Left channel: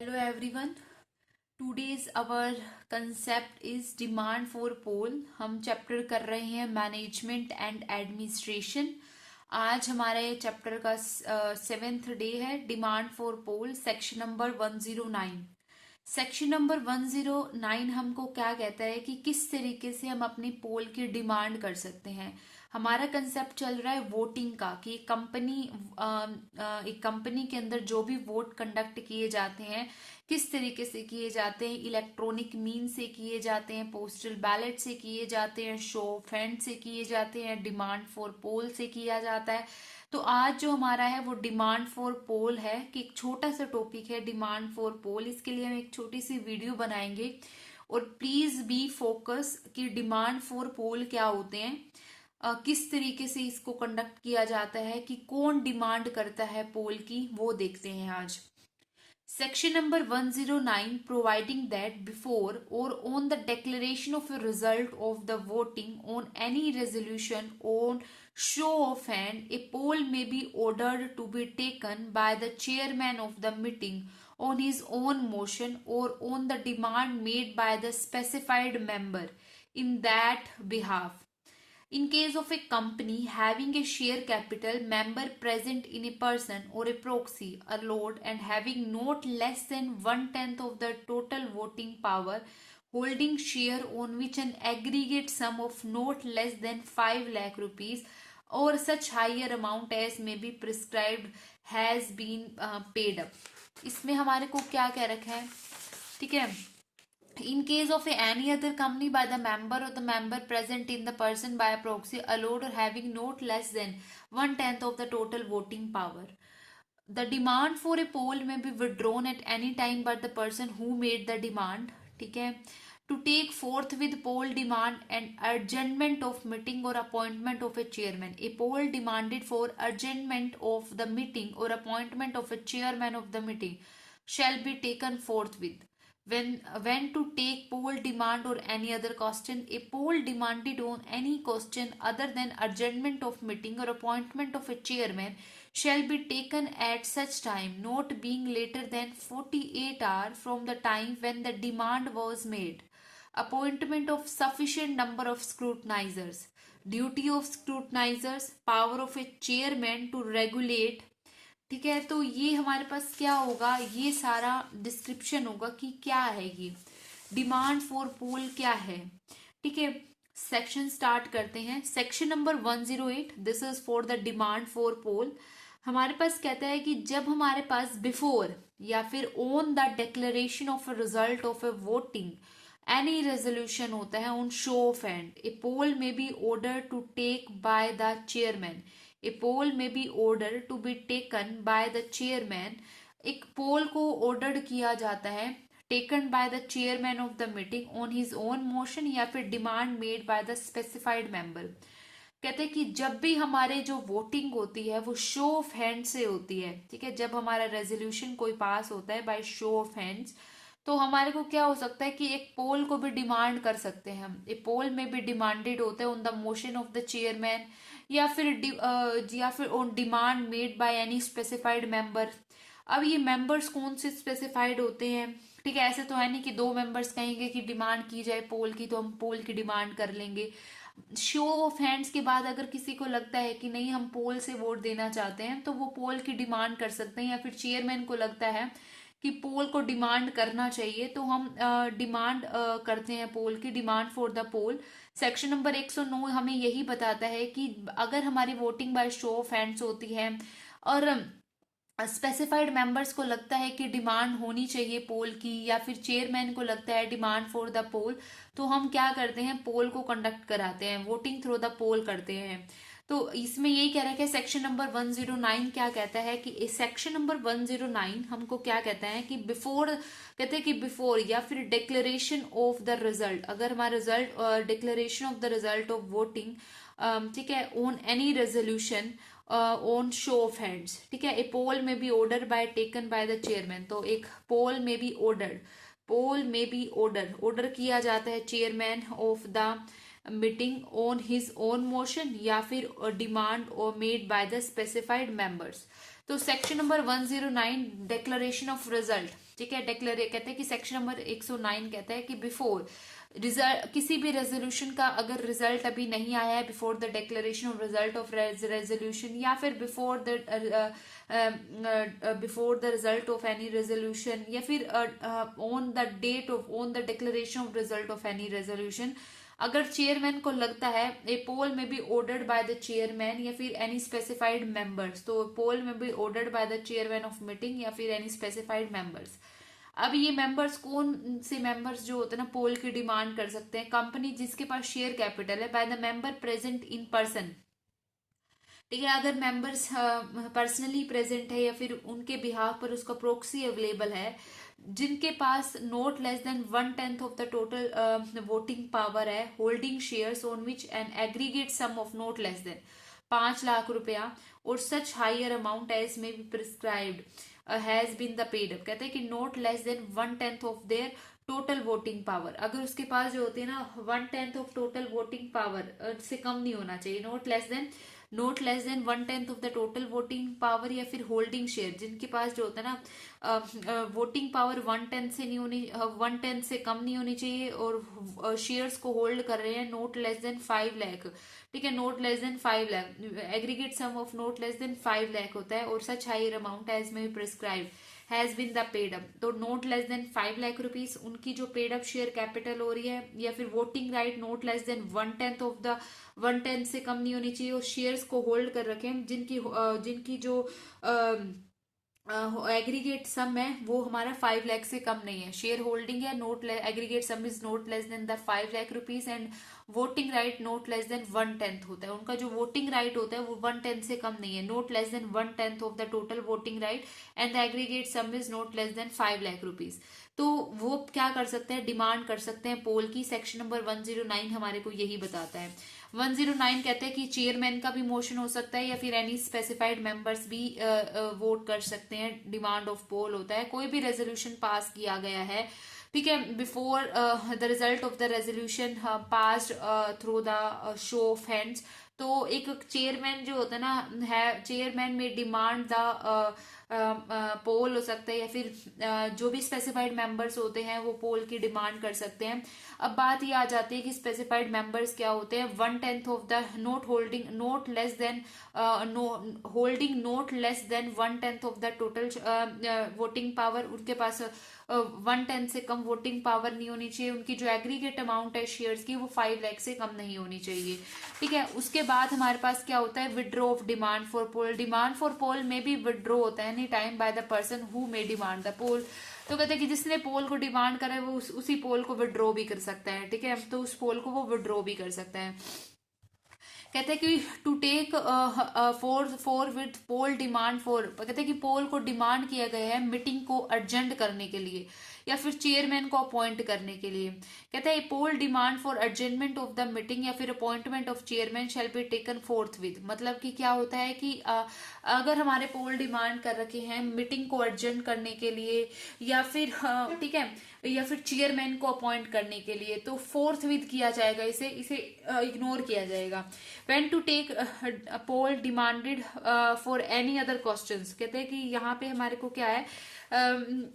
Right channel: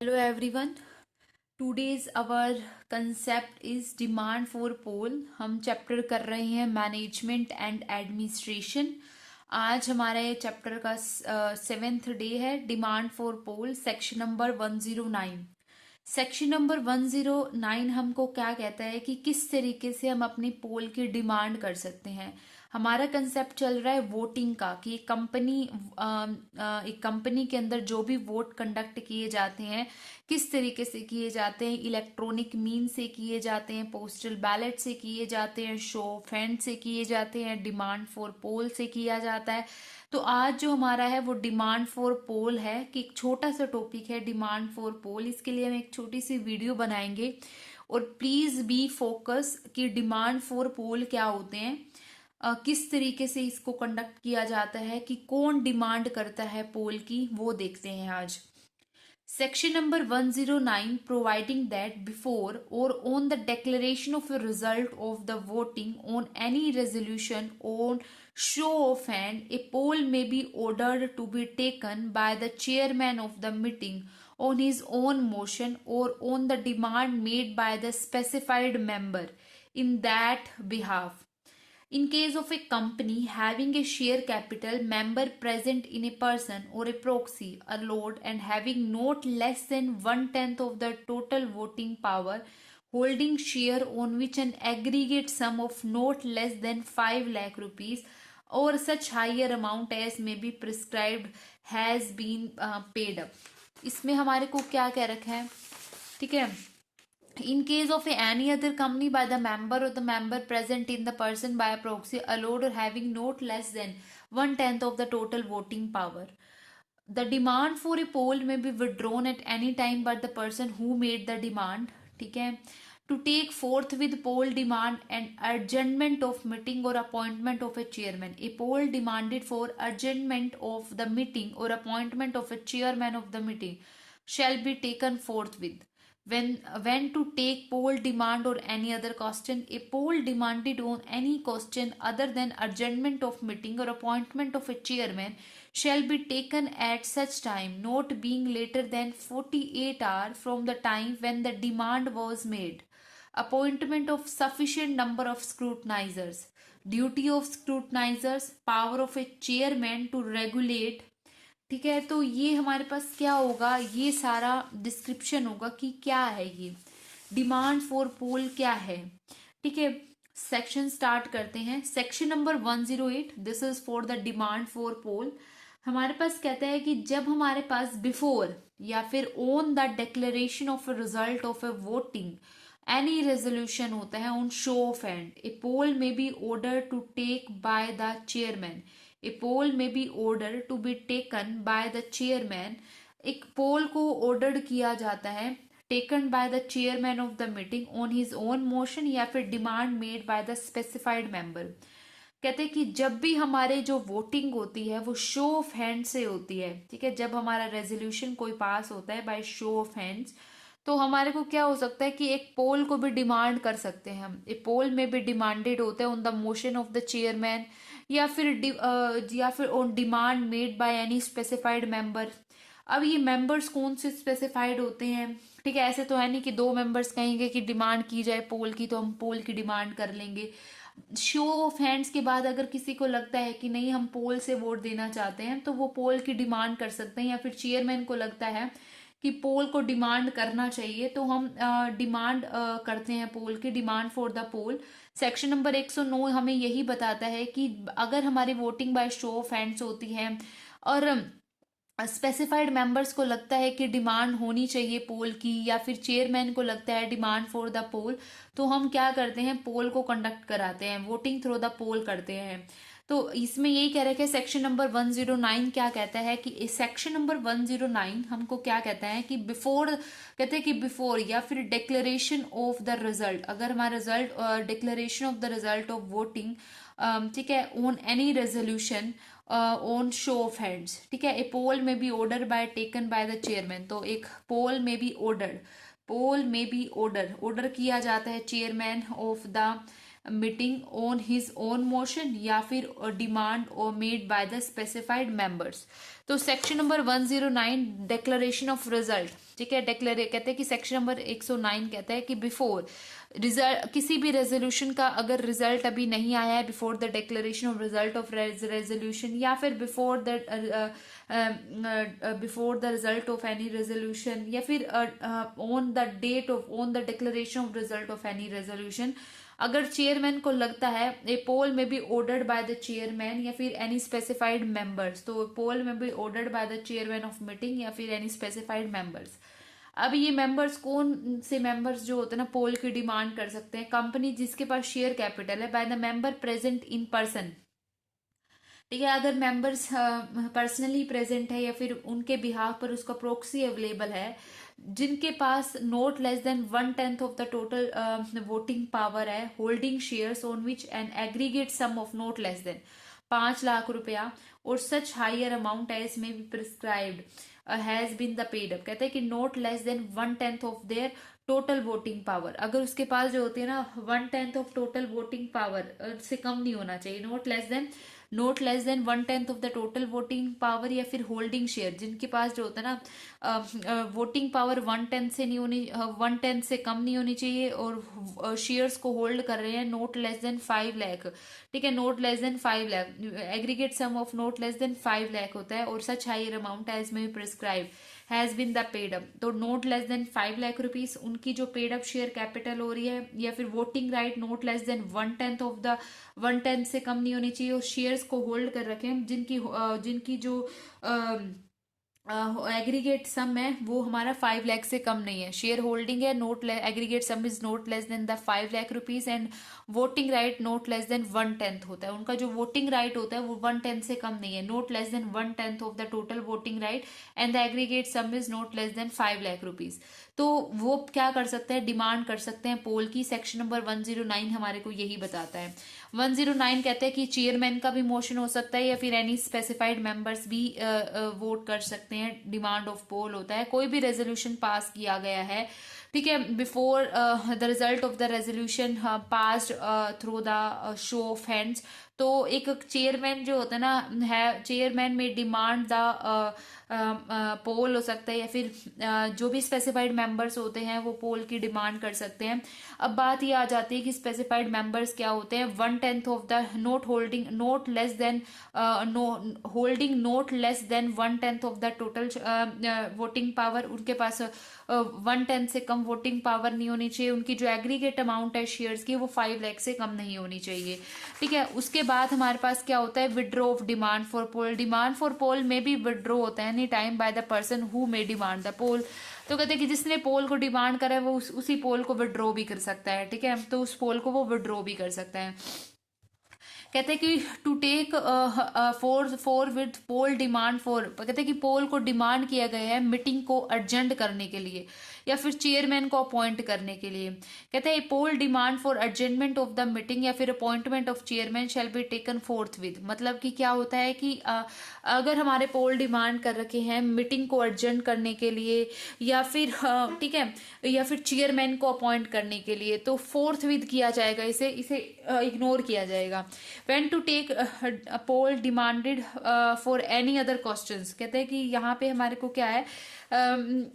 Hello everyone. Today's our concept is demand for poll. हम chapter कर रहे हैं मैनेजमेंट एंड एडमिनिस्ट्रेशन. आज हमारा ये चैप्टर का 7th डे है. Demand for poll section number 109. Section number 109 हमको क्या कहता है कि किस तरीके से हम अपनी पोल की डिमांड कर सकते हैं. हमारा कंसेप्ट चल रहा है वोटिंग का कि एक कंपनी के अंदर जो भी वोट कंडक्ट किए जाते हैं किस तरीके से किए जाते हैं. इलेक्ट्रॉनिक मीन से किए जाते हैं, पोस्टल बैलेट से किए जाते हैं, शो ऑफ हैंड से किए जाते हैं, डिमांड फॉर पोल से किया जाता है. तो आज जो हमारा है वो डिमांड फॉर पोल है कि एक छोटा सा टॉपिक है डिमांड फॉर पोल. इसके लिए हम एक छोटी सी वीडियो बनाएंगे और प्लीज बी फोकस कि डिमांड फॉर पोल क्या होते हैं, किस तरीके से इसको कंडक्ट किया जाता है, कि कौन डिमांड करता है पोल की, वो देखते हैं आज. Section number 109 providing that before or on the declaration of a result of the voting on any resolution on show of hand, a poll may be ordered to be taken by the chairman of the meeting on his own motion or on the demand made by the specified member in that behalf. In case of a company having a share capital member present in a person or a proxy allowed and having not less than 1/10 of the total voting power, holding share on which an aggregate sum of not less than 5 lakh rupees or such higher amount as may be prescribed has been paid up. इसमें हमारे को क्या क्या रखा है, ठीक है. In case of any other company by the member or the member present in the person by a proxy allowed or having not less than 1/10 of the total voting power, the demand for a poll may be withdrawn at any time by the person who made the demand, ठीक है, to take forth with poll demand and adjournment of meeting or appointment of a chairman. A poll demanded for adjournment of the meeting or appointment of a chairman of the meeting shall be taken forthwith. When to take poll demand or any other question, a poll demanded on any question other than adjournment of meeting or appointment of a chairman shall be taken at such time, not being later than 48 hours from the time when the demand was made. Appointment of sufficient number of scrutinizers. Duty of scrutinizers. Power of a chairman to regulate. ठीक है, तो ये हमारे पास क्या होगा, ये सारा डिस्क्रिप्शन होगा कि क्या है ये डिमांड फॉर पोल क्या है. ठीक है, सेक्शन स्टार्ट करते हैं. Section number 108, this is for the demand for poll. हमारे पास कहता है कि जब हमारे पास बिफोर या फिर on the declaration of a result of a voting any resolution होता है on show of hand, a poll may be ordered to take by the chairman. A poll may be ordered to be taken by the chairman. एक पोल को order किया जाता है taken by the chairman of the meeting on his own motion या फिर demand made by the specified member. कहते हैं कि जब भी हमारे जो वोटिंग होती है वो शो ऑफ हैंड से होती है. ठीक है, जब हमारा रेजोल्यूशन कोई पास होता है बाय शो ऑफ हैंड्स, तो हमारे को क्या हो सकता है कि एक पोल को भी डिमांड कर सकते हैं हम. ए पोल में भी डिमांडेड होता है on the motion of the chairman या फिर on demand made by any specified member. अब ये मेंबर्स कौन से स्पेसिफाइड होते हैं, ठीक है, ऐसे तो है नहीं कि दो मेंबर्स कहेंगे कि डिमांड की जाए पोल की तो हम पोल की डिमांड कर लेंगे. शो ऑफ हैंड्स के बाद अगर किसी को लगता है कि नहीं हम पोल से वोट देना चाहते हैं तो वो पोल की डिमांड कर सकते हैं, या फिर चेयरमैन को लगता है कि पोल को डिमांड करना चाहिए तो हम डिमांड करते हैं पोल की. Demand for the poll section number 109 हमें यही बताता है कि अगर हमारी voting by show of hands होती है और स्पेसिफाइड मेंबर्स को लगता है कि डिमांड होनी चाहिए पोल की, या फिर चेयरमैन को लगता है डिमांड फॉर द पोल, तो हम क्या करते हैं पोल को कंडक्ट कराते हैं, वोटिंग थ्रू द पोल करते हैं. तो इसमें यही कह रहा है कि सेक्शन नंबर 109 क्या कहता है कि सेक्शन नंबर 109 हमको क्या कहता है कि बिफोर, कहते हैं कि बिफोर या फिर डिक्लेरेशन ऑफ द रिजल्ट, अगर हमारा result declaration of the result of voting, ठीक है, on any resolution on show of hands, ठीक है, a poll may be order by taken by the chairman. तो एक पोल में बी ऑर्डर किया जाता है chairman of the meeting on his own motion या फिर डिमांड और made by the specified members. तो section number 109 declaration of result, ठीक है। डिक्लेयर कहते हैं कि सेक्शन नंबर 109 कहता है कि बिफोर रिजल्ट, किसी भी रेजोल्यूशन का अगर रिजल्ट अभी नहीं आया है, before the declaration of result of resolution, या फिर before the result of any resolution, या फिर on the date of on the declaration of result of any resolution, अगर चेयरमैन को लगता है a poll may be ordered by the chairman या फिर एनी स्पेसिफाइड मेंबर्स, तो poll may be ordered by the chairman of meeting या फिर any specified members. अब ये मेंबर्स कौन से मेंबर्स जो होते हैं ना पोल की डिमांड कर सकते हैं? कंपनी जिसके पास शेयर कैपिटल है, by the member present in person, ठीक है। अगर मेंबर्स पर्सनली प्रेजेंट है या फिर उनके बिहाफ पर उसका प्रोक्सी अवेलेबल है, जिनके पास not less than 1/10 of the total voting power है, holding shares on which an aggregate sum of not less than 5 lakh रुपया और such higher amount as may be prescribed has been the paid up. कहते हैं कि not less than 1/10 of their total voting power, अगर उसके पास जो होती है ना 1/10 ऑफ टोटल वोटिंग पावर से कम नहीं होना चाहिए, note less than 1/10 of the total voting power, या फिर होल्डिंग शेयर जिनके पास जो होता है ना वोटिंग पावर 1/10 से नहीं होनी 1/10 से कम नहीं होनी चाहिए, और शेयर्स को होल्ड कर रहे हैं नोट लेस देन 5 लाख, ठीक है। Not less than 5 lakh, aggregate sum of not less than 5 lakh होता है, और such higher amount as may prescribe has been the paid up, तो not less than 5 lakh rupees उनकी जो पेड अप शेयर कैपिटल हो रही है, या फिर voting right note less than 1/10 of the 1/10 से कम नहीं होनी चाहिए, और शेयर्स को होल्ड कर रखें जिनकी जो एग्रीगेट सम है वो हमारा 5 लाख से कम नहीं है। शेयर होल्डिंग है note aggregate some is note less then the 5 lakh rupees, and voting right note less than 1/10 होता है। उनका जो वोटिंग राइट होता है वो 1/10 से कम नहीं है, not less than 1/10 of the total voting right, and the aggregate some is note less than 5 lakh rupees. तो वो क्या कर सकते हैं? डिमांड कर सकते हैं पोल की। सेक्शन नंबर 109 हमारे को यही बताता है। 109 कहते हैं कि चेयरमैन का भी मोशन हो सकता है, या फिर एनी स्पेसिफाइड मेंबर्स भी वोट कर सकते हैं। डिमांड ऑफ पोल होता है कोई भी रेजोल्यूशन पास किया गया है, ठीक है, before the result of the resolution passed through the show of hands, तो एक चेयरमैन जो होता है ना है, चेयरमैन में डिमांड द पोल हो सकता है, या फिर जो भी स्पेसिफाइड मेंबर्स होते हैं वो पोल की डिमांड कर सकते हैं। अब बात ये आ जाती है कि स्पेसिफाइड मेंबर्स क्या होते हैं। 1/10 of the note holding note less then holding note less than 1/10 of the total voting power, उनके पास 1/10 से कम वोटिंग पावर नहीं होनी चाहिए। उनकी जो एग्रीगेट अमाउंट है शेयर्स की वो 5 लाख से कम नहीं होनी चाहिए, ठीक है। उसके बाद हमारे पास क्या होता है? Withdraw of demand for poll. Demand for poll में भी विड्रॉ होता है any time by the person who may demand the poll. तो कहते हैं कि जिसने पोल को डिमांड करा है वो उसी पोल को विड्रॉ भी कर सकता है, ठीक है। तो उस पोल को वो विड्रॉ भी कर सकते हैं। कहते हैं कि to take for with poll demand for, कहते हैं कि पोल को डिमांड किया गया है मीटिंग को अर्जेंट करने के लिए, या फिर चेयरमैन को अपॉइंट करने के लिए। कहते हैं poll demand for adjournment of the meeting या फिर appointment of chairman shall be taken forth with. मतलब कि क्या होता है कि अगर हमारे पोल डिमांड कर रखे हैं मीटिंग को अर्जेंट करने के लिए, या फिर ठीक है, या फिर चेयरमैन को अपॉइंट करने के लिए, तो फोर्थ विद किया जाएगा, इसे इग्नोर किया जाएगा। When to take poll demanded for any other questions, कहते हैं कि यहाँ पे हमारे को क्या है,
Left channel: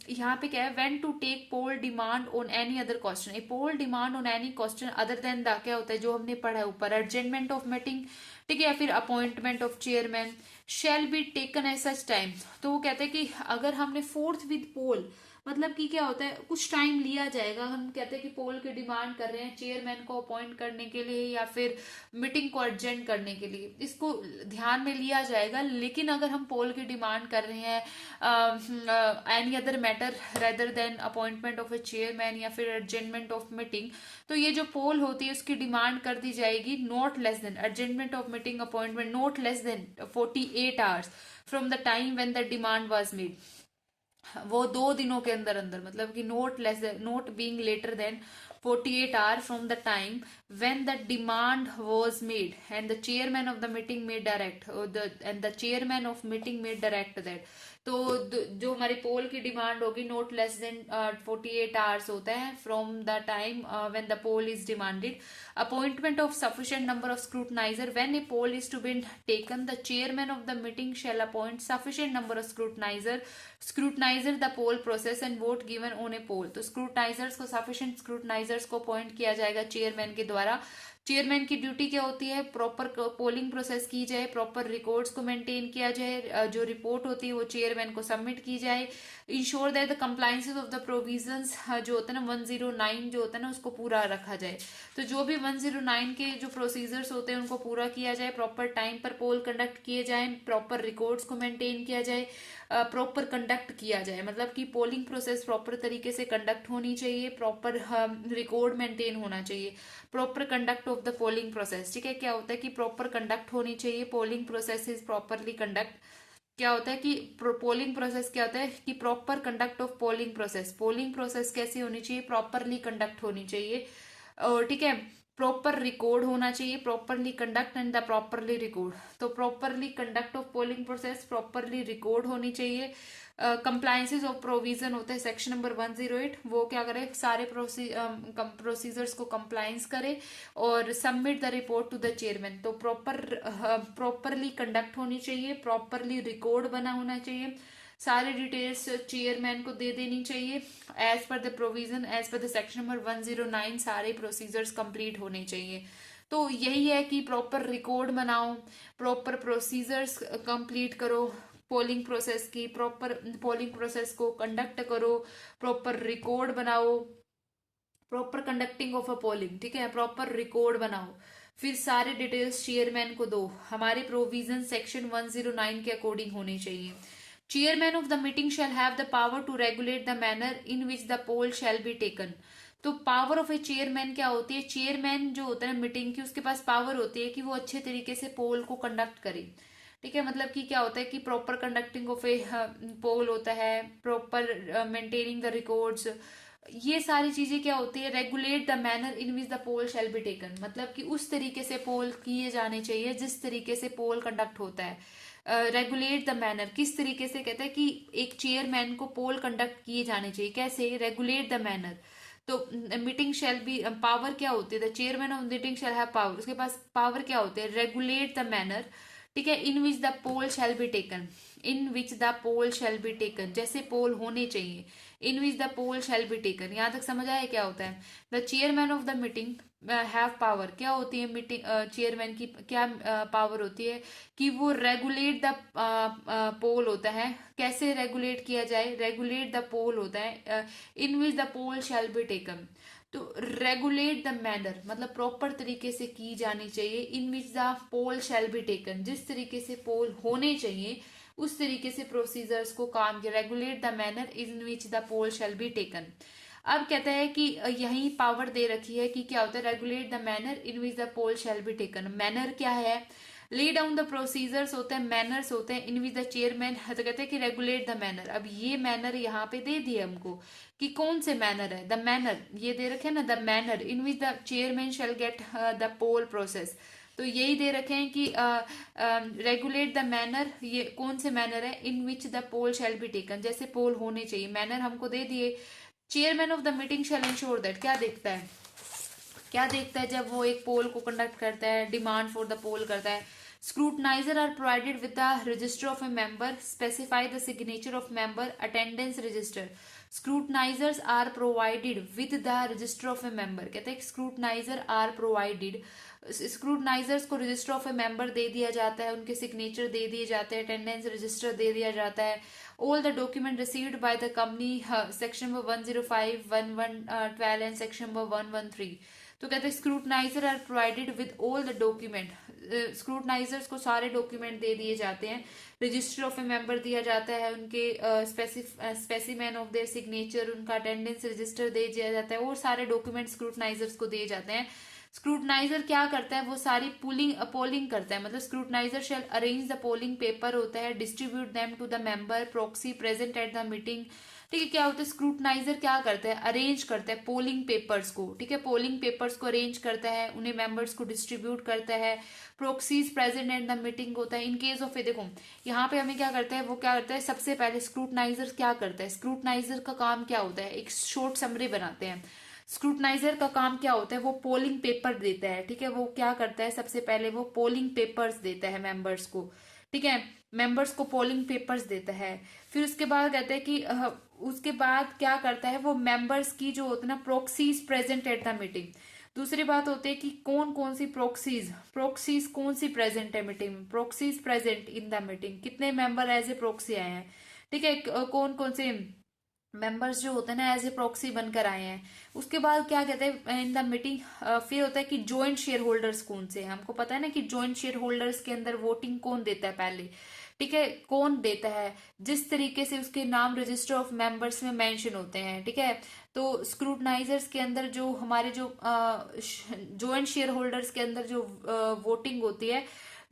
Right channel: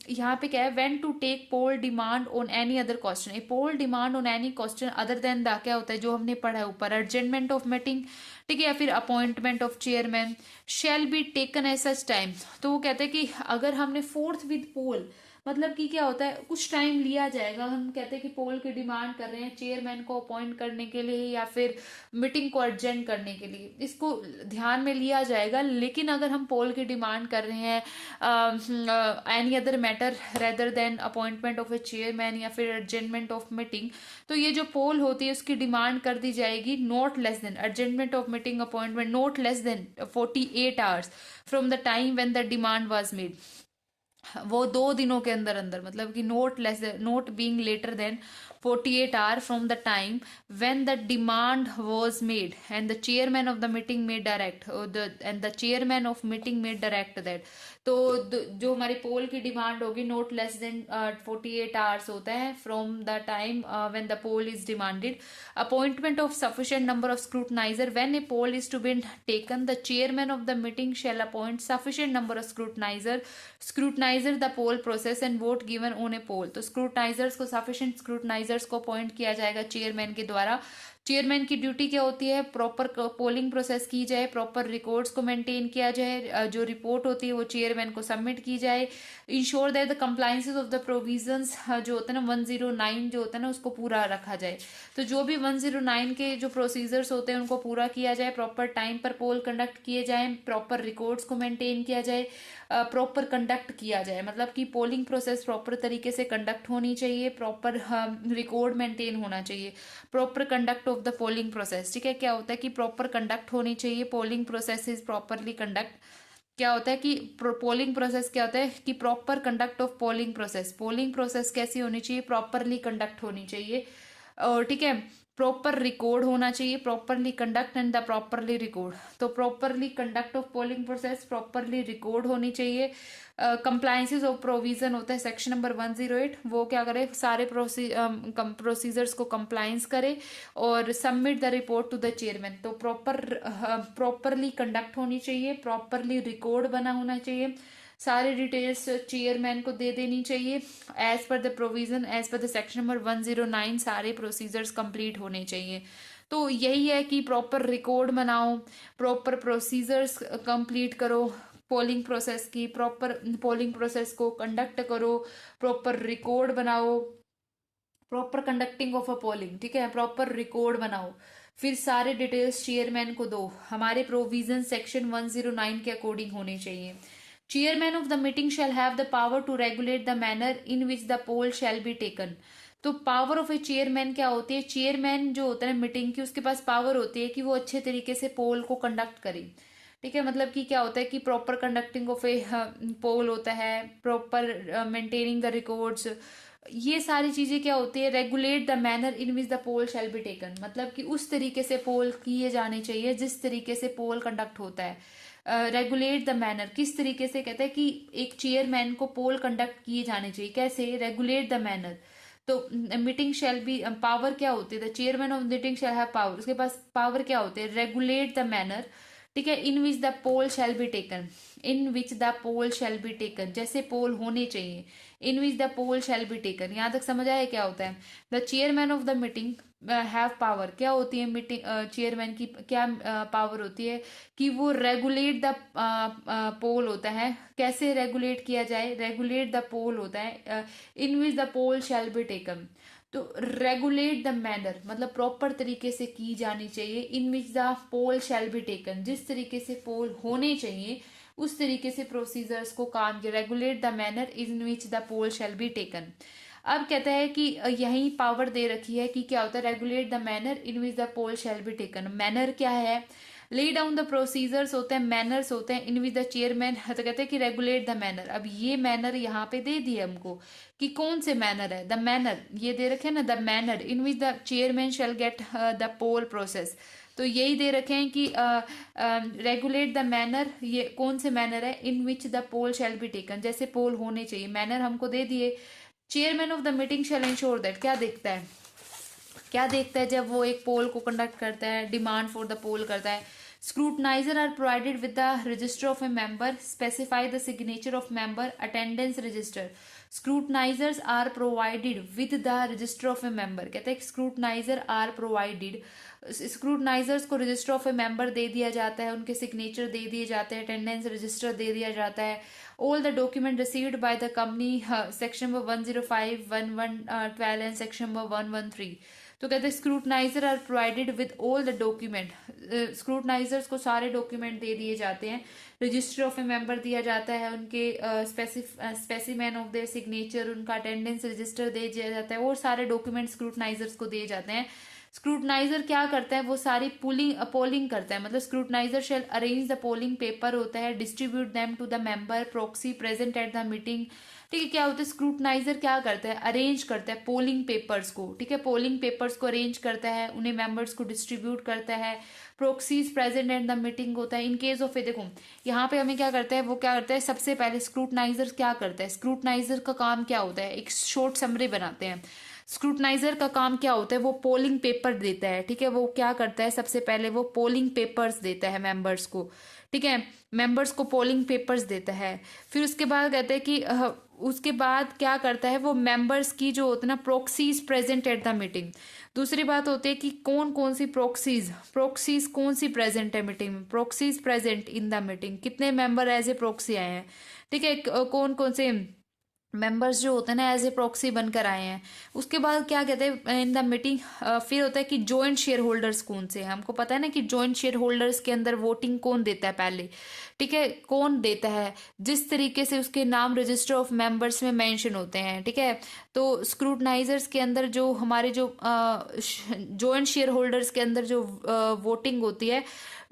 यहाँ पे क्या है, when to take poll demand on any other question, a poll demand on any question other than the, क्या होता है जो हमने पढ़ा है ऊपर, अर्जेंटमेंट ऑफ मीटिंग, ठीक है, या फिर appointment of chairman shall be taken at such time. तो वो कहते हैं कि अगर हमने फोर्थ विद पोल, मतलब कि क्या होता है, कुछ टाइम लिया जाएगा। हम कहते हैं कि पोल की डिमांड कर रहे हैं चेयरमैन को अपॉइंट करने के लिए या फिर मीटिंग को अर्जेंट करने के लिए, इसको ध्यान में लिया जाएगा। लेकिन अगर हम पोल की डिमांड कर रहे हैं any other matter rather than appointment of a chairman या फिर अर्जेंटमेंट ऑफ मीटिंग, तो ये जो पोल होती है उसकी डिमांड कर दी जाएगी not less than adjournment of meeting appointment not less than 48 hours from the time when the demand was made. वो 2 दिनों के अंदर अंदर, मतलब कि not being later than 48 hours from the time when the demand was made and the chairman of the meeting may direct and the chairman of meeting may direct that. तो जो हमारी पोल की डिमांड होगी नॉट लेस देन 48 आवर्स होता है from the time when the poll is demanded. Appointment of sufficient number of scrutinizer when a poll is to be taken the chairman of the meeting shall appoint sufficient number of scrutinizer the poll process and vote given on a poll. तो scrutinizers को sufficient स्क्रूटनाइजर्स को appoint किया जाएगा chairman के द्वारा. Chairman की duty क्या होती है? प्रॉपर पोलिंग प्रोसेस की जाए, प्रॉपर रिकॉर्ड्स को मेंटेन किया जाए, जो रिपोर्ट होती है वो चेयरमैन को सबमिट की जाए. Ensure that the compliances of the provisions जो होता है ना 109 जो होता है ना उसको पूरा रखा जाए. तो जो भी 109 के जो प्रोसीजर्स होते हैं उनको पूरा किया जाए, प्रॉपर टाइम पर पोल कंडक्ट किए जाए, प्रॉपर रिकॉर्ड्स को मेंटेन किया जाए, प्रॉपर कंडक्ट किया जाए. मतलब कि पोलिंग प्रोसेस प्रॉपर तरीके से कंडक्ट होनी चाहिए, प्रॉपर रिकॉर्ड मेंटेन होना चाहिए, proper conduct of the polling process. ठीक है, क्या होता है कि प्रॉपर कंडक्ट होनी चाहिए, polling process is properly conduct. क्या होता है कि पोलिंग प्रोसेस क्या होता है कि proper conduct of polling process. Polling process कैसी होनी चाहिए? प्रॉपरली कंडक्ट होनी चाहिए. और ठीक है, प्रॉपर रिकॉर्ड होना चाहिए, properly conduct and the properly record. तो properly conduct of polling process, properly record होनी चाहिए. कंप्लायंसेस ऑफ प्रोविजन होता है सेक्शन नंबर 108, वो क्या करे? सारे प्रोसीजर्स को कंप्लायंस करे और submit the report to the chairman. तो प्रॉपरली कंडक्ट होनी चाहिए, प्रॉपरली रिकॉर्ड बना होना चाहिए, सारे डिटेल्स चेयरमैन को दे देनी चाहिए as per the provision, as per the section number 109. सारे प्रोसीजर्स कंप्लीट होने चाहिए. तो यही है कि प्रॉपर रिकॉर्ड बनाओ, प्रॉपर प्रोसीजर्स कंप्लीट करो पोलिंग प्रोसेस की, प्रॉपर पोलिंग प्रोसेस को कंडक्ट करो, प्रॉपर रिकॉर्ड बनाओ, proper conducting of a polling. ठीक है, प्रॉपर रिकॉर्ड बनाओ, फिर सारे डिटेल्स चेयरमैन को दो. हमारे प्रोविजन सेक्शन 109 के अकॉर्डिंग होने चाहिए. Chairman of the meeting shall have the power to regulate the manner in which the poll shall be taken. तो पावर ऑफ ए चेयरमैन क्या होती है? चेयरमैन जो होता है मीटिंग की, उसके पास पावर होती है कि वो अच्छे तरीके से पोल को कंडक्ट करे. ठीक है, मतलब कि क्या होता है कि प्रॉपर कंडक्टिंग ऑफ ए पोल होता है, प्रॉपर मेंटेनिंग द रिकॉर्ड्स, ये सारी चीजें क्या होती है? Regulate the manner in which the poll shall be taken. मतलब कि उस तरीके से पोल किए जाने चाहिए जिस तरीके से पोल कंडक्ट होता है. रेगुलेट द मैनर किस तरीके से कहते हैं कि एक चेयरमैन को पोल कंडक्ट किए जाने चाहिए. कैसे? Regulate the manner. तो मीटिंग शैल बी, पावर क्या होती है? The chairman of meeting shall have power. उसके पास पावर क्या होते हैं? Regulate the manner. ठीक है, in which the poll shall be taken, in which the poll shall be taken, जैसे पोल होने चाहिए. In which the poll shall be taken, यहां तक समझ आया क्या होता है? The chairman of the meeting have power. क्या होती है मीटिंग चेयरमैन की क्या पावर होती है? कि वो रेगुलेट द पोल होता है. कैसे रेगुलेट किया जाए? रेगुलेट द पोल होता है in which the poll shall be taken. तो रेगुलेट द मैनर मतलब प्रॉपर तरीके से की जानी चाहिए. In which the poll shall be taken, जिस तरीके से पोल होने चाहिए उस तरीके से प्रोसीजर्स को काम किया. Regulate the manner in which the poll shall be taken. अब कहता है कि यही पावर दे रखी है कि क्या होता है? Regulate the manner in which the poll shall be taken. Manner क्या है? ले डाउन द प्रोसीजर्स होते हैं, मैनर्स होते हैं इन विच द चेयरमैन. तो कहते हैं कि रेगुलेट द मैनर. अब ये मैनर यहाँ पे दे दिए हमको कि कौन से मैनर है. द मैनर ये दे रखे हैं ना, the manner in which the chairman shall get the poll process. तो यही दे रखे हैं कि रेगुलेट द मैनर, ये कौन से मैनर है? In which the poll shall be taken, जैसे पोल होने चाहिए. मैनर हमको दे दिए. Chairman of the meeting shall ensure that. क्या देखता है? क्या देखता है जब वो एक पोल को कंडक्ट करता है, डिमांड फॉर द पोल करता है? Scrutinizer are provided with the register of a member, specify the signature of member, attendance register. Scrutinizers are provided with the register of a member. कहते हैं स्क्रूटनाइजर आर प्रोवाइडेड. स्क्रूटनाइजर्स को register of a member दे दिया जाता है, उनके signature दे दिए जाते हैं, अटेंडेंस रजिस्टर दे दिया जाता है. All the document received by the company section number 105, 1112 and section number 113. तो कहते हैं scrutinizer are provided with all the document. Scrutinizers को सारे डॉक्यूमेंट दे दिए जाते हैं. रजिस्टर ऑफ ए मेंबर दिया जाता है, उनके स्पेसिमेन ऑफ देयर सिग्नेचर, उनका अटेंडेंस रजिस्टर दे दिया जाता है और सारे डॉक्यूमेंट स्क्रूटनाइजर्स को दिए जाते हैं. स्क्रूटनाइजर क्या करता है? वो सारी पोलिंग करता है. मतलब scrutinizer shall arrange the polling paper होता है, distribute them to the member proxy present at the meeting, ठीक है। क्या होता है, स्क्रूटनाइजर क्या करता है, अरेंज करता है पोलिंग पेपर्स को, ठीक है, पोलिंग पेपर्स को अरेंज करता है, उन्हें मेंबर्स को डिस्ट्रीब्यूट करता है। प्रोक्सीज प्रेजेंट एट द मीटिंग होता है। इन केस ऑफ, देखो यहाँ पे हमें क्या करता है, वो क्या करता है, सबसे पहले स्क्रूटनाइजर क्या करता है, स्क्रूटनाइजर का काम क्या होता है, एक शॉर्ट समरी बनाते हैं। स्क्रूटनाइजर का काम क्या होता है, वो पोलिंग पेपर देता है, ठीक है, वो क्या करता है, सबसे पहले वो पोलिंग पेपर्स देता है मेंबर्स को, ठीक है, मेंबर्स को पोलिंग पेपर्स देता है। फिर उसके बाद कहते हैं कि उसके बाद क्या करता है, वो मेंबर्स की जो होता है ना प्रोक्सीज प्रेजेंट एट द मीटिंग। दूसरी बात होती है कि कौन कौन सी प्रोक्सीज प्रोक्सीज कौन सी प्रेजेंट है मीटिंग में, प्रोक्सीज प्रेजेंट इन द मीटिंग, कितने मेंबर एज ए प्रोक्सी आए हैं, ठीक है, कौन कौन से मेंबर्स जो होते हैं ना एज ए प्रॉक्सी बनकर आए हैं। उसके बाद क्या कहते हैं इन द मीटिंग, फिर होता है कि जॉइंट शेयर होल्डर्स कौन से हैं, हमको पता है ना कि जॉइंट शेयर होल्डर्स के अंदर वोटिंग कौन देता है पहले, ठीक है, कौन देता है, जिस तरीके से उसके नाम रजिस्टर ऑफ मेंबर्स में मेंशन होते हैं, ठीक है। तो स्क्रूटनाइजर्स के अंदर जो हमारे जो जॉइंट शेयर होल्डर्स के अंदर जो वोटिंग होती है,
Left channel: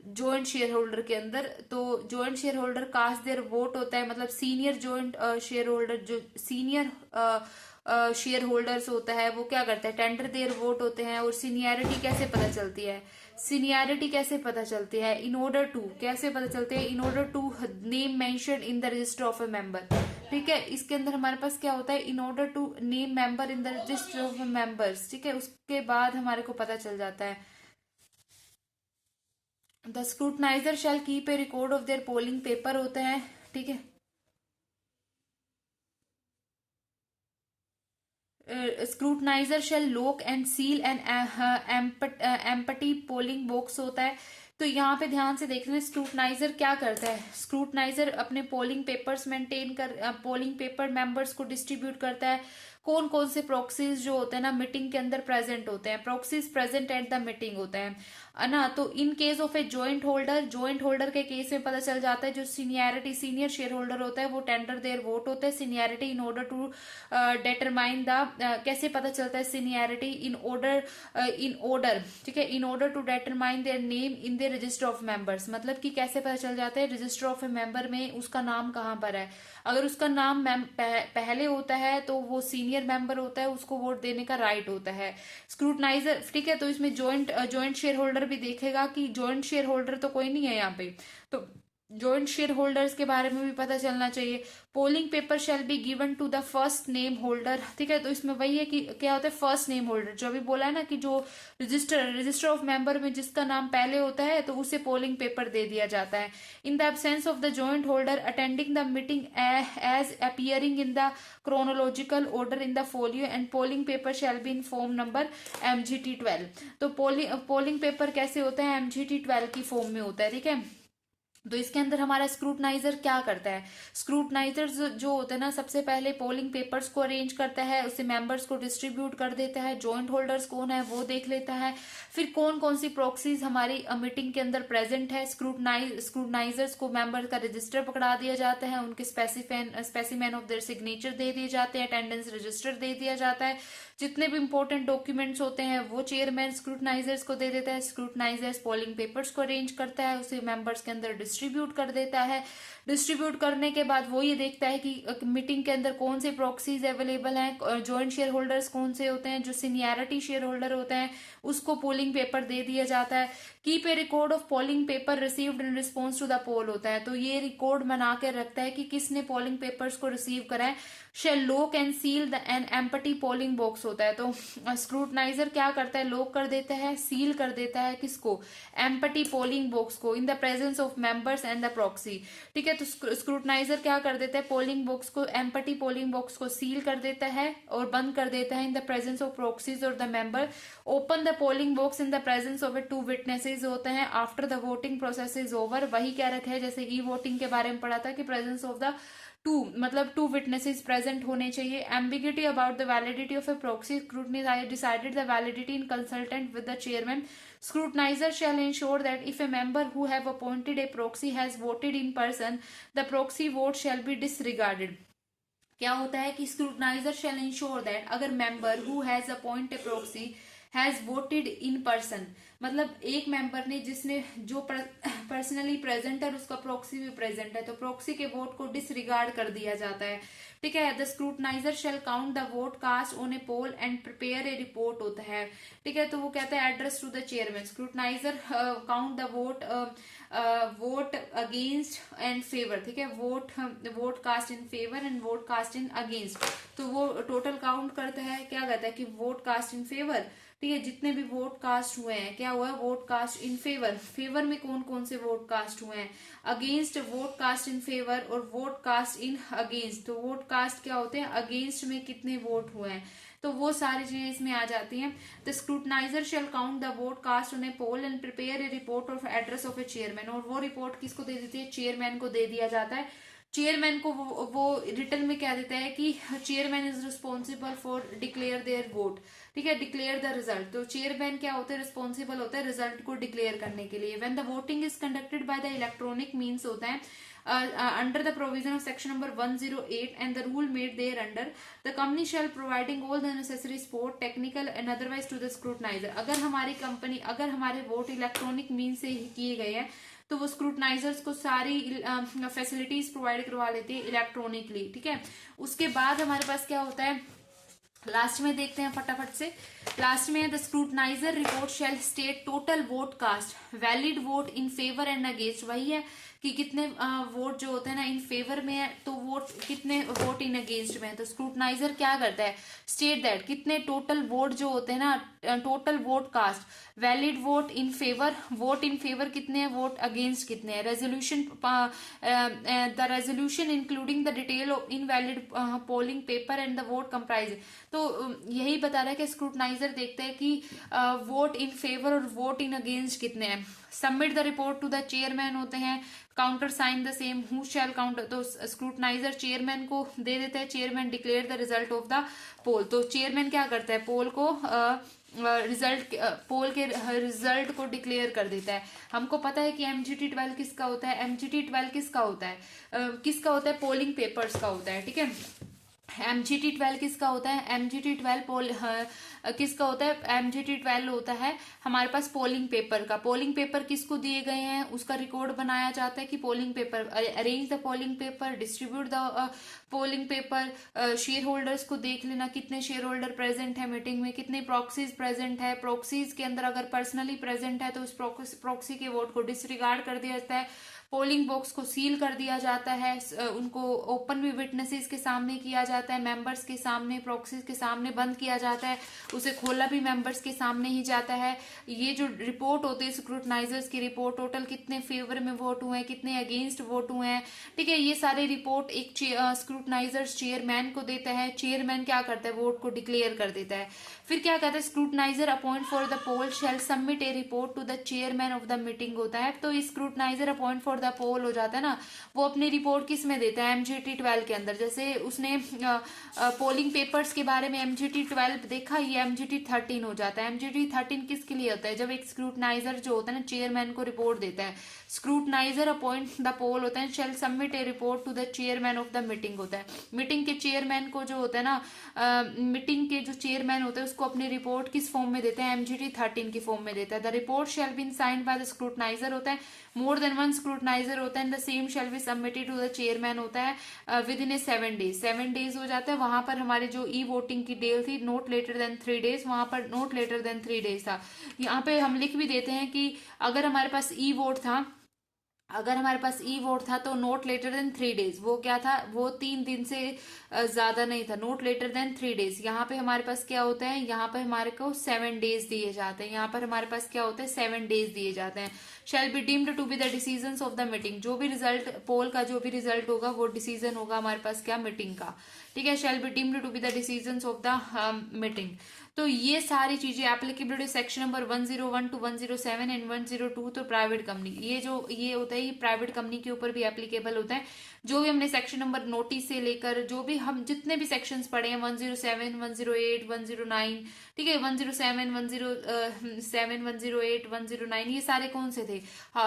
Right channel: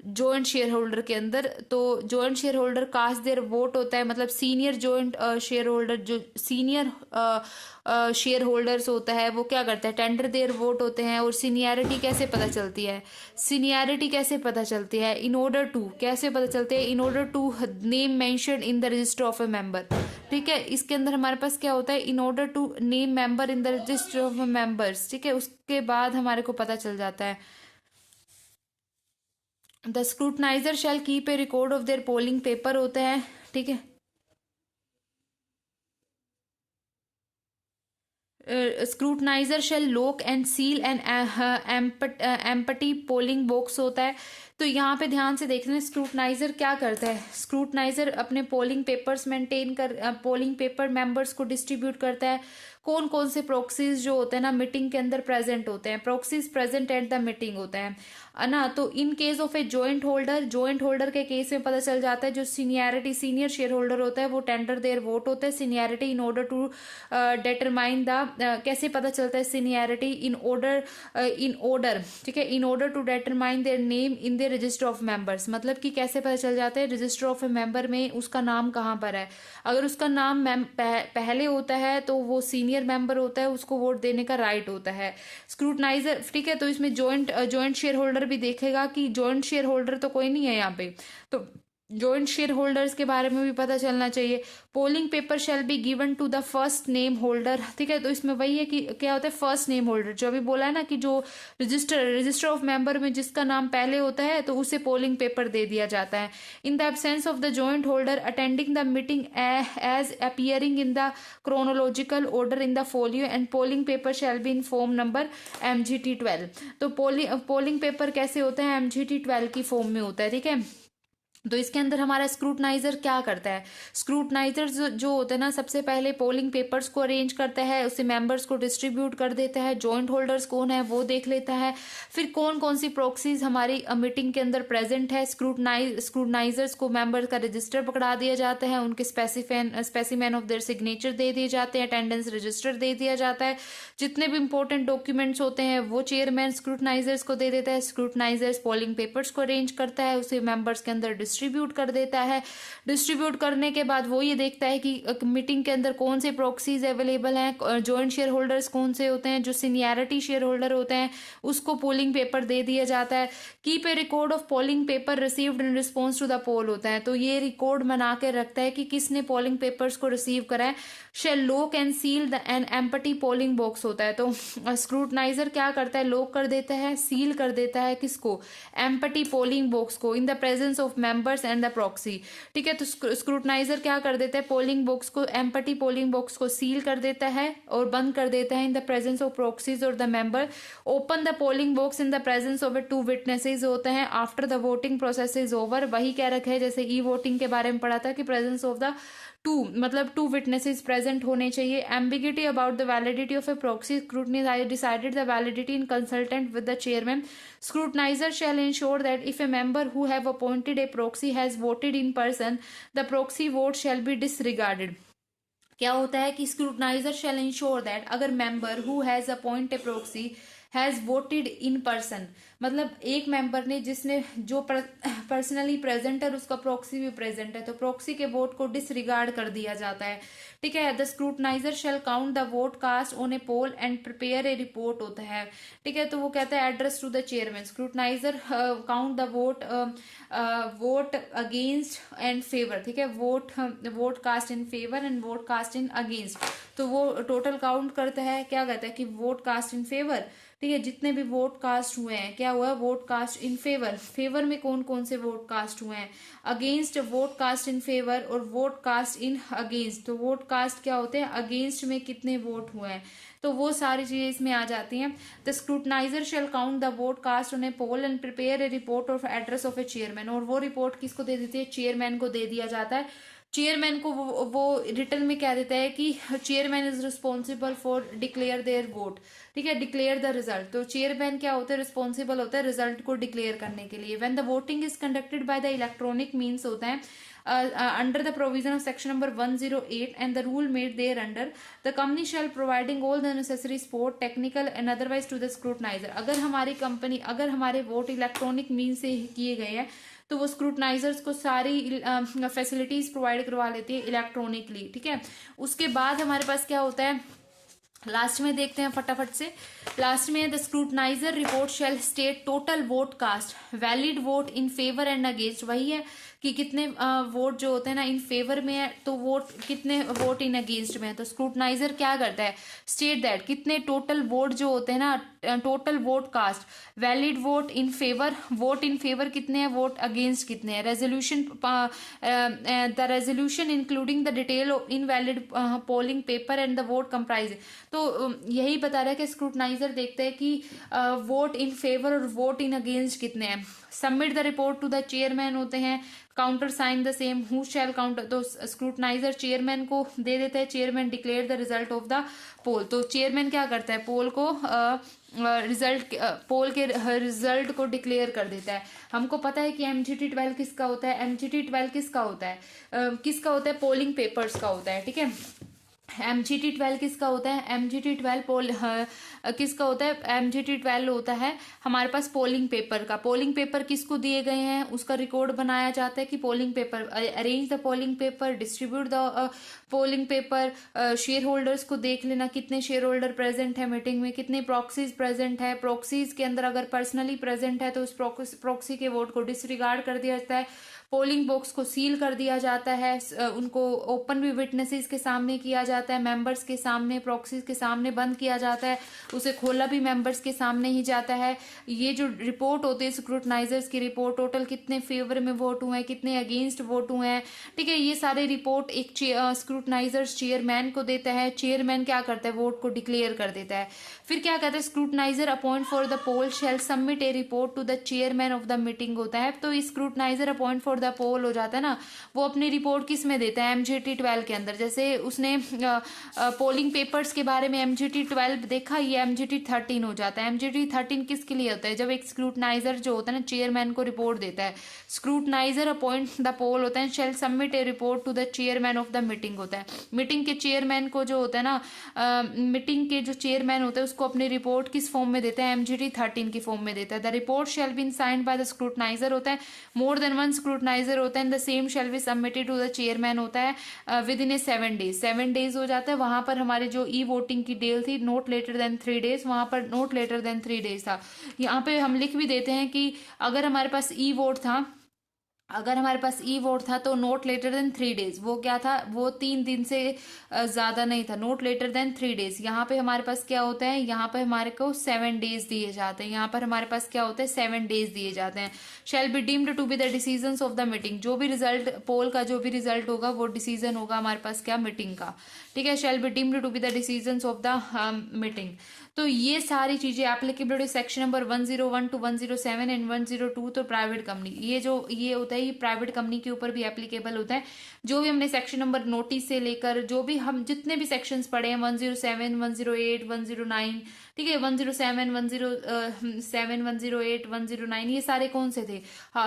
जॉइंट शेयर होल्डर के अंदर, तो joint share holder cast their vote होता है, मतलब सीनियर जॉइंट शेयर होल्डर, जो सीनियर शेयर होल्डर्स होता है वो क्या करता है, टेंडर देयर वोट होते हैं। और सीनियरिटी कैसे पता चलती है, सीनियरिटी कैसे पता चलती है, इन ऑर्डर टू, कैसे पता चलते हैं, in order to name mention in the register of a member, ठीक है। इसके अंदर हमारे पास क्या होता है, in order to name member in the register of members, ठीक है, उसके बाद हमारे को पता चल जाता है। The scrutinizer shall keep a record of their polling paper होता है, ठीक है। Scrutinizer shall lock and seal and empty polling box होता है। तो यहाँ पे ध्यान से देखना है स्क्रूटनाइजर क्या करता है, स्क्रूटनाइजर अपने पोलिंग पेपर्स मेंटेन कर, पोलिंग पेपर मेंबर्स को डिस्ट्रीब्यूट करता है। कौन कौन से प्रॉक्सीज जो होते हैं ना मीटिंग के अंदर प्रेजेंट होते हैं, proxies present at the meeting होते हैं ना। तो in case of a joint holder, joint holder के केस में पता चल जाता है, जो सीनियरिटी सीनियर शेयर होल्डर होता है वो टेंडर देयर वोट होता है, seniority in order to determine the, कैसे पता चलता है सीनियरिटी, इन ऑर्डर, ठीक है, in order to determine their name in the register of members, मतलब कि कैसे पता चल जाता है रजिस्टर ऑफ ए मेंबर में उसका नाम कहाँ पर है। अगर उसका नाम पहले होता है तो वो सीनियर मेंबर होता है, उसको वोट देने का राइट होता है। स्क्रूटनाइजर, ठीक है, तो इसमें जॉइंट शेयर होल्डर भी देखेगा कि जॉइंट शेयर होल्डर तो कोई नहीं है यहाँ पे, तो जॉइंट शेयर होल्डर्स के बारे में भी पता चलना चाहिए। Polling paper shall be given to the first name holder, ठीक है, तो इसमें वही है कि क्या होता है फर्स्ट नेम होल्डर, जो अभी बोला है ना कि जो रजिस्टर ऑफ मेंबर में जिसका नाम पहले होता है तो उसे पोलिंग पेपर दे दिया जाता है। In the absence of the joint holder attending the meeting as appearing in the chronological order in the folio and polling paper shall be in form number MGT12। तो पोलिंग पेपर कैसे होता है, MGT12 की form में होता है, ठीक है। तो इसके अंदर हमारा स्क्रूटनाइजर क्या करता है, स्क्रूटनाइजर जो होता है ना सबसे पहले पोलिंग पेपर्स को अरेंज करता है, उसे मेंबर्स को डिस्ट्रीब्यूट कर देता है, जॉइंट होल्डर्स कौन है वो देख लेता है, फिर कौन कौन सी प्रॉक्सीज हमारी मीटिंग के अंदर प्रेजेंट है, स्क्रूटनाइजर्स को मेंबर का रजिस्टर पकड़ा दिया जाता है, उनके स्पेसिमेन ऑफ देयर सिग्नेचर दे दिए जाते हैं, अटेंडेंस रजिस्टर दे दिया जाता है, जितने भी इंपॉर्टेंट डॉक्यूमेंट्स होते हैं वो चेयरमैन स्क्रूटनाइजर्स को दे देता है, स्क्रूटनाइजर्स पोलिंग पेपर्स को अरेंज करता है, उसे मेंबर्स के अंदर डिस्ट्रीब्यूट कर देता है। डिस्ट्रीब्यूट करने के बाद वो ये देखता है कि मीटिंग के अंदर कौन से प्रॉक्सीज अवेलेबल हैं, जॉइंट शेयर होल्डर्स कौन से होते हैं, जो सीनियरिटी शेयर होल्डर होते हैं उसको पोलिंग पेपर दे दिया जाता है। Keep a record of polling paper received in response to the poll होता है, तो ये रिकॉर्ड बना के रखता है कि किसने पोलिंग पेपर्स को रिसीव करा है। Shall lock and seal the an empty polling box होता है, तो स्क्रूटनाइजर क्या करता है, लॉक कर देता है, सील कर देता है किसको, एम्पटी पोलिंग बॉक्स को, in the presence of members and the proxy, ठीक है। तो स्क्रूटनाइजर क्या कर देता है, पोलिंग बॉक्स को, एम्पटी पोलिंग बॉक्स को सील कर देता है और बंद कर देता है in the presence of proxies और the member. Open the polling box in the presence of 2 witnesses होते हैं after the voting process is over. वही कह रखा है जैसे ई वोटिंग के बारे में पढ़ा था कि प्रेजेंस ऑफ द 2 मतलब 2 विटनेसेस प्रेजेंट होने चाहिए। Ambiguity about the validity of A proxy, scrutiny decided the validity in consultant with the chairman. Scrutinizer shall ensure that if a member who have appointed a proxy has voted in person, the proxy vote shall be disregarded. क्या होता है कि scrutinizer shall ensure that अगर member who has appoint a proxy has voted in person, मतलब एक member ने जिसने जो पर्सनली प्रेजेंट है उसका प्रॉक्सी भी प्रेजेंट है, तो प्रॉक्सी के वोट को डिसरिगार्ड कर दिया जाता है। ठीक है, the scrutinizer shall count the vote cast on a poll and prepare a report होता है। ठीक है, तो वो कहता है address to the chairman, scrutinizer count the vote against and favour. ठीक है, vote cast in favour and vote cast in against, तो वो टोटल काउंट करता है, क्या कहता है कि वोट कास्ट इन फेवर। ठीक है, जितने भी वोट कास्ट हुए हैं, क्या हुआ, vote cast in favour, favour में कौन कौन से वोट कास्ट हुए हैं, against vote cast in favour और वोट कास्ट इन अगेंस्ट, तो वोट कास्ट क्या होते हैं, अगेंस्ट में कितने वोट हुए हैं, तो वो सारी चीजें इसमें आ जाती हैं। The scrutinizer shall count the vote cast on a poll and prepare a report of address of a chairman, और वो रिपोर्ट किसको दे देती है, चेयरमैन को दे दिया जाता है। चेयरमैन को वो रिटर्न में क्या देता है कि chairman is responsible for declare their vote. ठीक है, डिक्लेयर द रिजल्ट, तो चेयरमैन क्या होता है, रिस्पॉन्सिबल होता है रिजल्ट को डिक्लेयर करने के लिए। When the voting is conducted by the electronic means होता है under the provision of section number 108 and the rule made thereunder, the company shall providing all the necessary support technical and otherwise to the scrutinizer। अगर हमारी company, अगर हमारे vote electronic mean से किए गए हैं तो वो स्क्रूटनाइजर्स को सारी फैसिलिटीज प्रोवाइड करवा लेती है इलेक्ट्रॉनिकली। ठीक है, उसके बाद हमारे पास क्या होता है, लास्ट में देखते हैं फटाफट से। लास्ट में the scrutinizer report shall state total vote cast, valid vote in favour and against, वही है कि कितने वोट जो होते हैं ना इन फेवर में है, तो वोट कितने वोट इन अगेंस्ट में है, तो स्क्रूटनाइजर क्या करता है, स्टेट दैट कितने टोटल वोट जो होते हैं ना, total vote cast, valid vote in favour, vote in favour कितने हैं, वोट अगेंस्ट कितने हैं, resolution, the resolution including the detail invalid polling paper and the vote comprise. तो यही बता रहा है कि स्क्रूटनाइजर देखता है कि वोट इन फेवर और वोट इन अगेंस्ट कितने हैं। Submit the report to the chairman होते हैं, counter sign the same, who shall counter, तो स्क्रूटनाइजर चेयरमैन को दे देता है, chairman declare the result of the poll, तो चेयरमैन क्या करता है, पोल को पोल के रिजल्ट को डिक्लेयर कर देता है। हमको पता है कि MGT12 किसका होता है, MGT12 किसका होता है, किसका होता है, पोलिंग पेपर्स का होता है। ठीक है, MGT12 किसका होता है, MGT12 पोल किसका होता है, MGT12 होता है हमारे पास पोलिंग पेपर का। पोलिंग पेपर किसको दिए गए हैं, उसका रिकॉर्ड बनाया जाता है कि polling paper, arrange the polling paper, distribute the polling paper, share holders को देख लेना कितने शेयर होल्डर प्रेजेंट है मीटिंग में, कितने प्रॉक्सीज प्रेजेंट है, प्रॉक्सीज के अंदर अगर पर्सनली प्रेजेंट है तो उस प्रॉक्सी के वोट को डिसरिगार्ड कर दिया जाता है, पोलिंग बॉक्स को सील कर दिया जाता है, उनको ओपन भी विटनेसेस के सामने किया जाता है, मेंबर्स के सामने, प्रॉक्सीज के सामने बंद किया जाता है, उसे खोला भी मेंबर्स के सामने ही जाता है। ये जो रिपोर्ट होती है स्क्रूटनाइजर्स की रिपोर्ट, टोटल कितने फेवर में वोट हुए हैं, कितने अगेंस्ट वोट हुए हैं। ठीक है, ये सारे रिपोर्ट एक स्क्रूटनाइजर्स चेयरमैन को देता है, चेयरमैन क्या करता है, वोट को डिक्लेयर कर देता है। फिर क्या कहते हैं, scrutinizer appoint for the poll shall submit a report to the chairman of the meeting होता है। तो scrutinizer appoint for the poll हो जाता है ना, वो अपनी रिपोर्ट किस में देता है, MGT12 के अंदर। जैसे उसने पोलिंग पेपर्स के बारे में MGT12 देखा, ये MGT13 हो जाता है। MGT13 किसके लिए होता है, जब एक स्क्रूटनाइजर जो होता है ना चेयरमैन को रिपोर्ट देता है, स्क्रूटनाइजर अपॉइंट द पोल होता है, shall submit a report to the chairman of the meeting होता है। मीटिंग के चेयरमैन को जो होता है ना, मीटिंग के जो चेयरमैन होते हैं उसको अपनी रिपोर्ट किस फॉर्म में देते हैं, MGT13 की फॉर्म में देता है। The report shall be signed by the scrutinizer होता है, मोर देन वन स्क्रूटनाइजर होता है, the same shall be submitted to the chairman होता है within a 7 days। 7 days हो जाता है। वहां पर हमारे जो ई वोटिंग की डेट थी नोट लेटर देन 3 days, वहां पर नोट लेटर देन 3 days था। यहाँ पे हम लिख भी देते हैं कि अगर हमारे पास ई वोट था, अगर हमारे पास ई वोट था तो नोट लेटर देन 3 days, वो क्या था, वो 3 दिन से ज्यादा नहीं था, नोट लेटर देन 3 days। यहाँ पे हमारे पास क्या होता है, यहाँ पे हमारे को 7 days दिए जाते हैं, यहाँ पर हमारे पास क्या होता है 7 days दिए जाते हैं। Shall be deemed to be the decisions of the meeting, जो भी रिजल्ट पोल का जो भी रिजल्ट होगा वो डिसीजन होगा हमारे पास क्या, मीटिंग का। ठीक है, shall be deemed to be the decisions of the meeting. तो ये सारी चीजें applicability section number 101 to 107 and 102 तो प्राइवेट कंपनी, ये होता है, ये प्राइवेट कंपनी के ऊपर भी एप्लीकेबल होता है। जो भी हमने सेक्शन नंबर नोटिस से लेकर जो भी हम जितने भी सेक्शंस पढ़े हैं 107, 108, 109, ठीक है, 107, 107, 108, 109, ये सारे कौन से थे,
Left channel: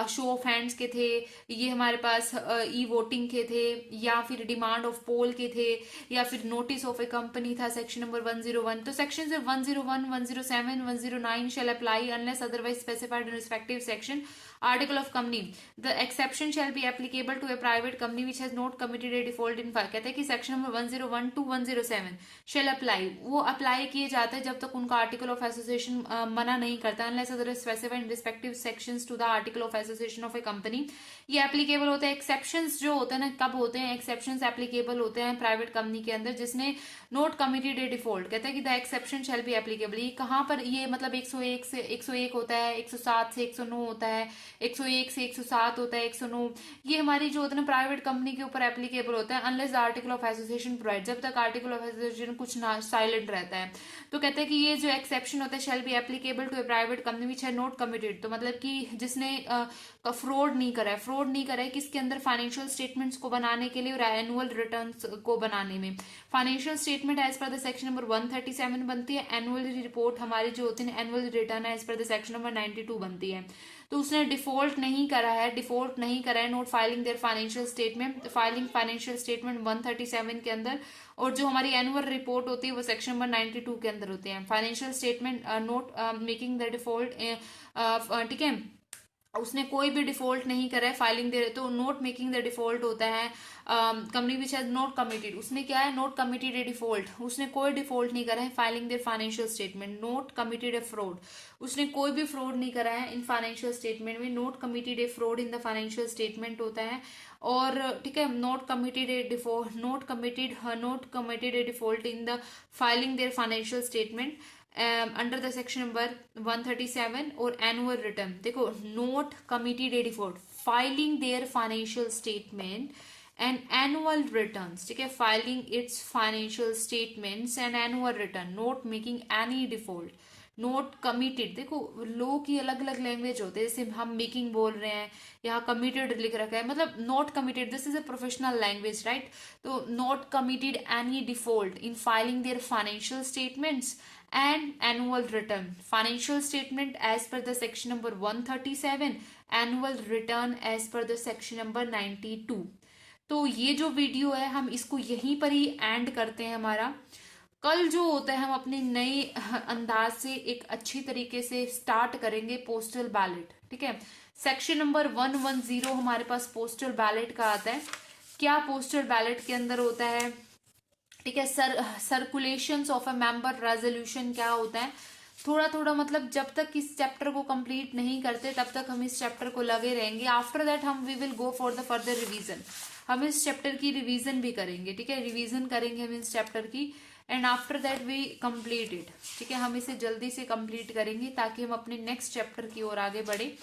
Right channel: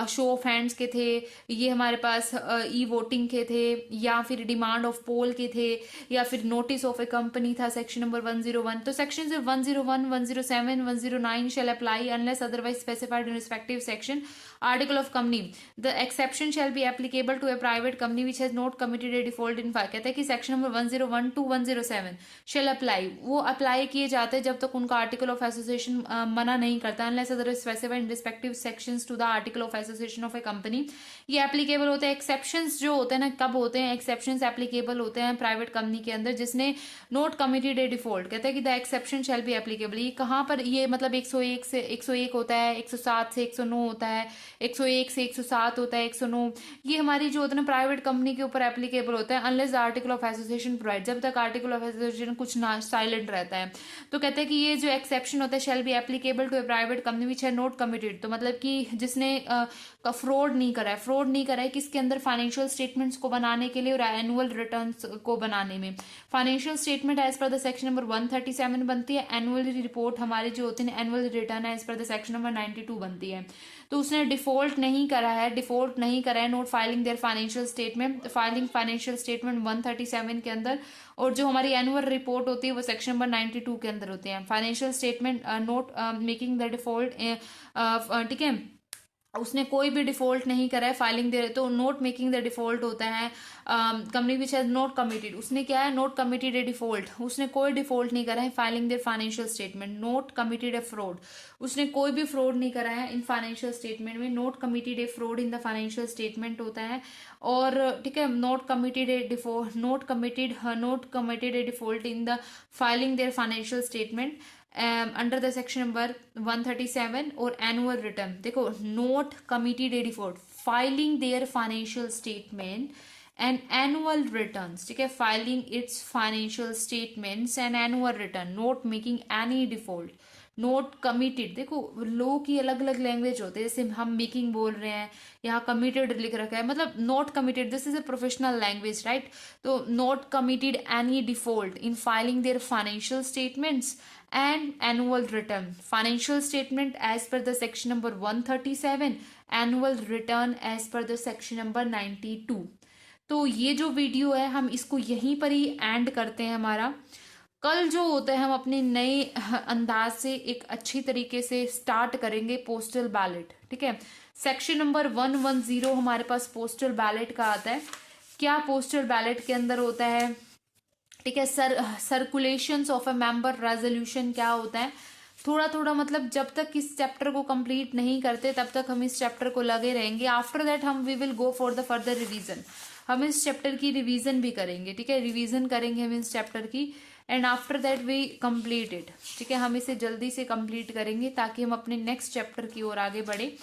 शो ऑफ हैंड्स के थे, ये हमारे पास ई वोटिंग के थे, या फिर डिमांड ऑफ पोल के थे, या फिर नोटिस ऑफ ए कंपनी था सेक्शन नंबर 101। तो section 101 101, 107, 109 shall apply unless otherwise specified in respective section. Article of company. The exception shall be applicable to a private company which has not committed a default in file. कहता है कि section number 101 to 107 shall apply. वो apply किए जाते हैं जब तक उनका आर्टिकल ऑफ एसोसिएशन मना नहीं करता, unless otherwise specified in respective sections to the article of association of a company. ये एप्लीकेबल होते हैं. एक्सेप्शंस जो होते हैं ना, कब होते हैं एक्सेप्शंस एप्लीकेबल होते हैं प्राइवेट कंपनी के अंदर जिसने नोट कमिटेड ए डिफॉल्ट. कहते हैं कि the exception shell be applicable. ये कहाँ पर, ये मतलब 101 से 101 होता है, 107 से 109 होता है, 101 से 107 होता है, 109. ये हमारी जो होता है ना प्राइवेट कंपनी के ऊपर एप्लीकेबल होता है unless the article of association provide. जब तक आर्टिकल ऑफ एसोसिएशन कुछ साइलेंट रहता है. तो कहते हैं कि ये जो एक्सेप्शन होता है shall be applicable to a private company which है नोट कमिटेड. तो मतलब कि जिसने फ्रॉड नहीं करा है, फ्रॉड नहीं करा है किसके अंदर, फाइनेंशियल स्टेटमेंट्स को बनाने के लिए और एनुअल रिटर्न्स को बनाने में. Financial statement as per the section number 137 बनती है. एनुअल रिपोर्ट हमारी जो होती है annual return as per the section number 92 बनती है. तो उसने डिफॉल्ट नहीं करा है, not filing their financial statement, filing financial statement 137 के अंदर, और जो हमारी एनुअल रिपोर्ट होती है वो सेक्शन नंबर 92 के अंदर होती है. Financial statement note making the default, ठीक है, उसने कोई भी डिफॉल्ट नहीं करा है, फाइलिंग दे रहे तो नोट मेकिंग द डिफॉल्ट होता है. Company which has note committed, उसने क्या है, नोट कमिटेड ए डिफॉल्ट, उसने कोई डिफॉल्ट नहीं करा है. Filing their financial statement, note committed A fraud, उसने कोई भी फ्रॉड नहीं करा है इन फाइनेंशियल स्टेटमेंट में. Note committed A fraud in the financial statement होता है. और ठीक है, not committed A default, note committed A default in the filing their financial statement under the section number 137 और एनुअल रिटर्न. देखो, note committed A default, filing their financial statement and annual returns. ठीक है, filing it's financial statements and annual return, note making any default, note committed. देखो, लो की अलग अलग language होते हैं, जैसे हम मेकिंग बोल रहे हैं, यहाँ कमिटेड लिख रखा है, मतलब not committed, this is a professional language, right. तो not committed any default in filing their financial statements and annual return. Financial statement as per the section number 137, annual return as per the section number 92. तो ये जो video है हम इसको यहीं पर ही and करते हैं. हमारा कल जो होता है हम अपने नए अंदाज से एक अच्छी तरीके से स्टार्ट करेंगे पोस्टल बैलेट. ठीक है, सेक्शन नंबर 110 हमारे पास पोस्टल बैलेट का आता है. क्या पोस्टल बैलेट के अंदर होता है, ठीक है, circulations of a member resolution क्या होता है, थोड़ा थोड़ा, मतलब जब तक इस चैप्टर को कंप्लीट नहीं करते तब तक हम इस चैप्टर को लगे रहेंगे. आफ्टर दैट हम we will go for the further revision. हम इस चैप्टर की रिवीजन भी करेंगे. ठीक है, रिवीजन करेंगे हम इस चैप्टर की end after that we complete it. ठीक है, हम इसे जल्दी से कंप्लीट करेंगे ताकि हम अपने नेक्स्ट चैप्टर की ओर आगे बढ़े.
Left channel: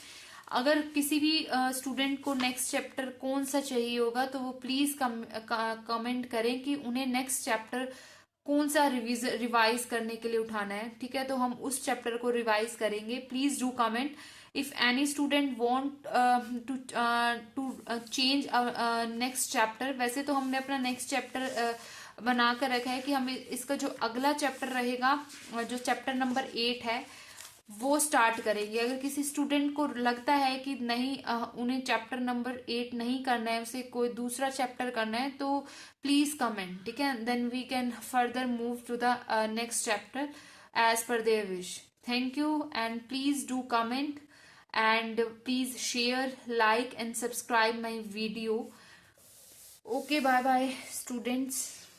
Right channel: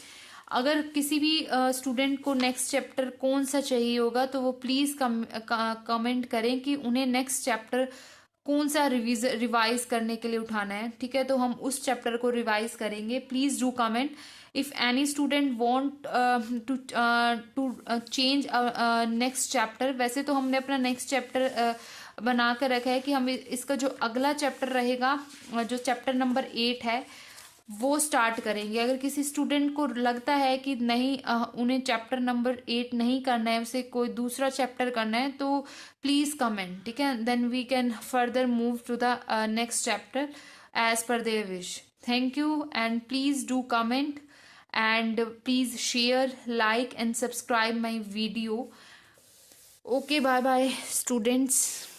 अगर किसी भी स्टूडेंट को नेक्स्ट चैप्टर कौन सा चाहिए होगा तो वो प्लीज कमेंट करें कि उन्हें नेक्स्ट चैप्टर कौन सा रिवाइज करने के लिए उठाना है. ठीक है, तो हम उस चैप्टर को रिवाइज करेंगे. Please do comment if any student want to change next chapter. वैसे तो हमने अपना नेक्स्ट चैप्टर बना कर रखा है कि हम इसका जो अगला चैप्टर रहेगा, जो चैप्टर नंबर 8 है, वो स्टार्ट करेंगे. अगर किसी स्टूडेंट को लगता है कि नहीं उन्हें चैप्टर नंबर 8 नहीं करना है, उसे कोई दूसरा चैप्टर करना है, तो प्लीज कमेंट. ठीक है, then we can further move to the next chapter as per their wish. Thank you and please do comment and please share, like and subscribe my video. Okay, bye bye students.